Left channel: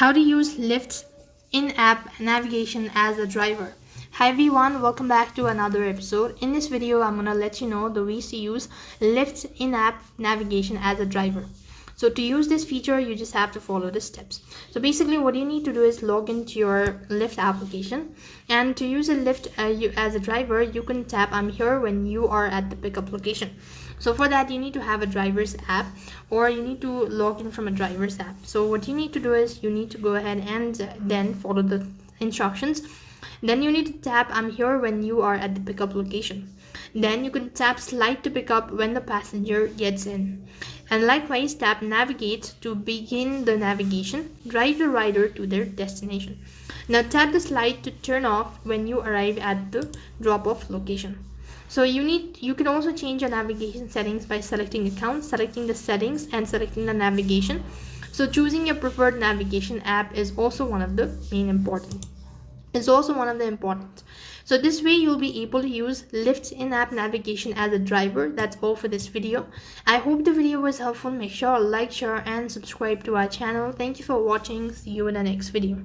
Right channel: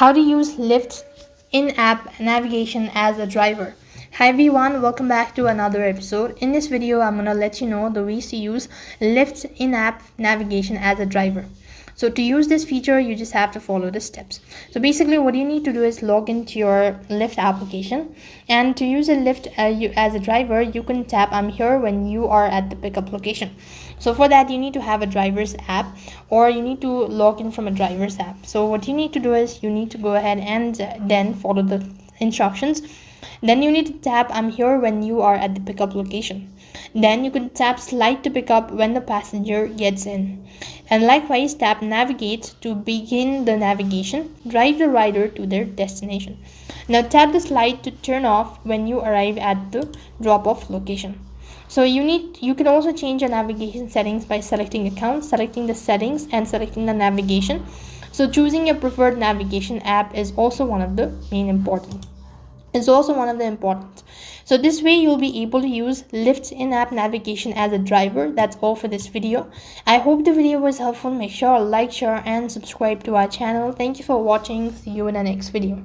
How to use Lyft's in-app navigation as a driver. Hi everyone, welcome back to another episode. In this video, I'm gonna let you know the ways to use Lyft's in-app navigation as a driver. So to use this feature, you just have to follow the steps. So basically what you need to do is log into your Lyft application, and to use a Lyft as a driver, you can tap I'm here when you are at the pickup location. So for that, you need to have a driver's app, or you need to log in from a driver's app. So what you need to do is you need to go ahead and then follow the instructions. Then you need to tap I'm here when you are at the pickup location. Then you can tap slide to pick up when the passenger gets in. And likewise, tap navigate to begin the navigation, drive the rider to their destination. Now tap the slide to turn off when you arrive at the drop-off location. So you can also change your navigation settings by selecting account, selecting the settings, and selecting the navigation. So choosing your preferred navigation app is also one of the important. So this way you'll be able to use Lyft's in-app navigation as a driver. That's all for this video. I hope the video was helpful. Make sure to like, share, and subscribe to our channel. Thank you for watching. See you in the next video.